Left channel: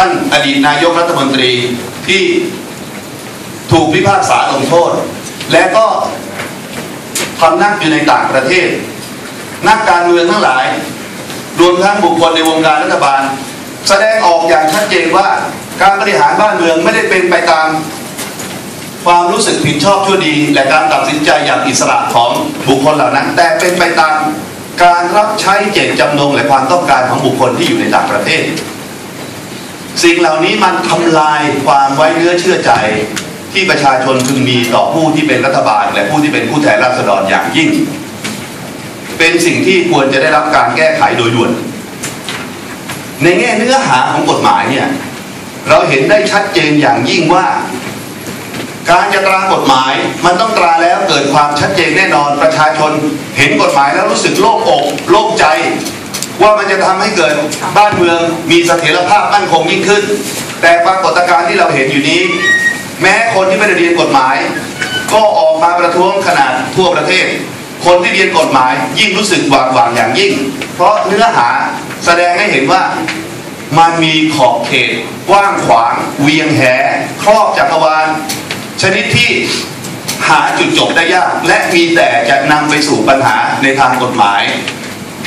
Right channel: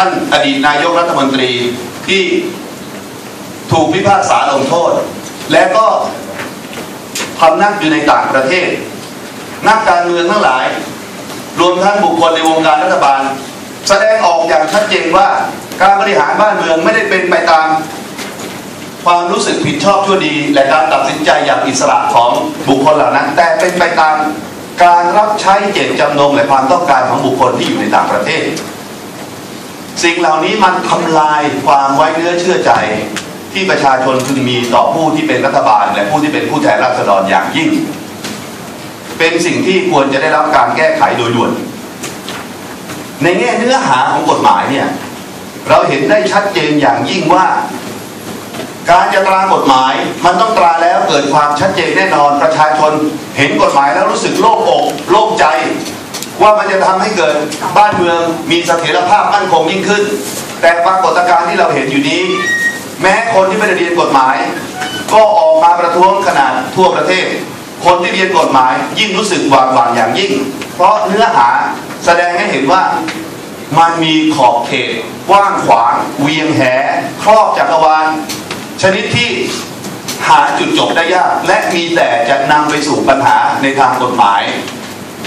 ท่านอดีตนายกรัฐมนตรีที่ถูกพิพากษาลงโทษ และก็พำนักอยู่ในต่างประเทศ นักการเมืองทั้งหลาย รวมทั้งบุคคลในวงการรัฐบาล แสดงออกอย่างชัดเจนว่าการบริหารบ้านเมืองไม่ได้เป็นไปตามความรู้สึกผิดชอบชั่วดี และการตัดสินใจอย่างอิสระของบุคคลเหล่านั้น แต่เป็นไปตามการรับใช้เจตจำนงและความต้องการของบุคคลที่อยู่ในต่างประเทศ สิ่งเหล่านี้มันทำลายความไว้เนื้อเชื่อใจ ที่ประชาชนพึงมีต่อผู้ที่เป็นรัฐบาล และผู้ที่เป็นผู้แทนราษฎรอย่างยิ่ง เป็นสิ่งที่ควรจะได้รับการแก้ไขโดยด่วน ในแง่เนื้อหาของกฎหมายเนี่ยเราเห็นได้ชัดเจนอย่างยิ่งว่า การจะตรากฎหมายมันต้องตราแล้วเกิดความชัดเจนแน่นอนประชาชนเห็นกฎหมายแล้วรู้สึกโล่งอกโล่ง ว่ามันจะทำให้เกิดบ้านเมืองมีเสถียรภาพมั่นคงยิ่งขึ้น แต่ปรากฏการณ์ที่เราเห็นอยู่นี้ แม้คนที่ไม่ได้เรียนกฎหมาย ก็ออกมาประท้วงขนาดทั่วประเทศ คนที่เรียนกฎหมายยิ่งรู้สึกหวาดหวั่นอย่างยิ่ง เพราะเนื้อหาแสดงให้เห็นว่ามันมีขอบเขตกว้างขวาง เวียงแหครอบจักรวาล ชนิดที่หาจุดจบได้ยาก และมีแต่จะนำไปสู่ปัญหาในทางกฎหมาย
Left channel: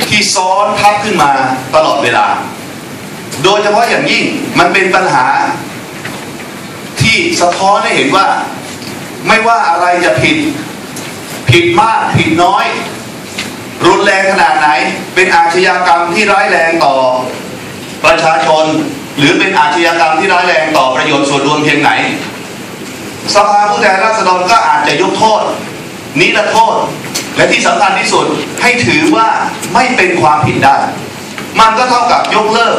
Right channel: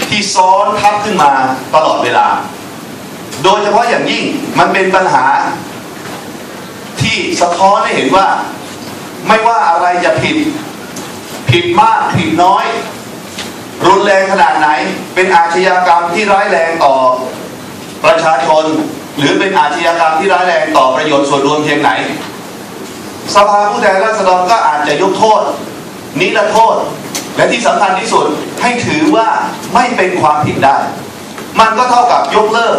ที่ซ้อนทับขึ้นมาตลอดเวลา โดยเฉพาะอย่างยิ่งมันเป็นปัญหา ที่สะท้อนให้เห็นว่า ไม่ว่าอะไรจะผิด ผิดมากผิดน้อย รุนแรงขนาดไหน เป็นอาชญากรรมที่ร้ายแรงต่อประชาชน หรือเป็นอาชญากรรมที่ร้ายแรงต่อประโยชน์ส่วนรวมเพียงไหน สภาผู้แทนราษฎรก็อาจจะยกโทษ นิรโทษ และที่สำคัญที่สุดให้ถือว่าไม่เป็นความผิดได้ มันก็เท่ากับยกเลิก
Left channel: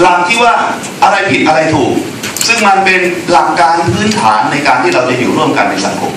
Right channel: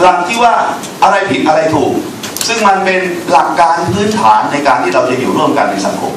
หลักที่ว่าอะไรผิดอะไรถูก ซึ่งมันเป็นหลักการพื้นฐานในการที่เราจะอยู่ร่วมกันในสังคม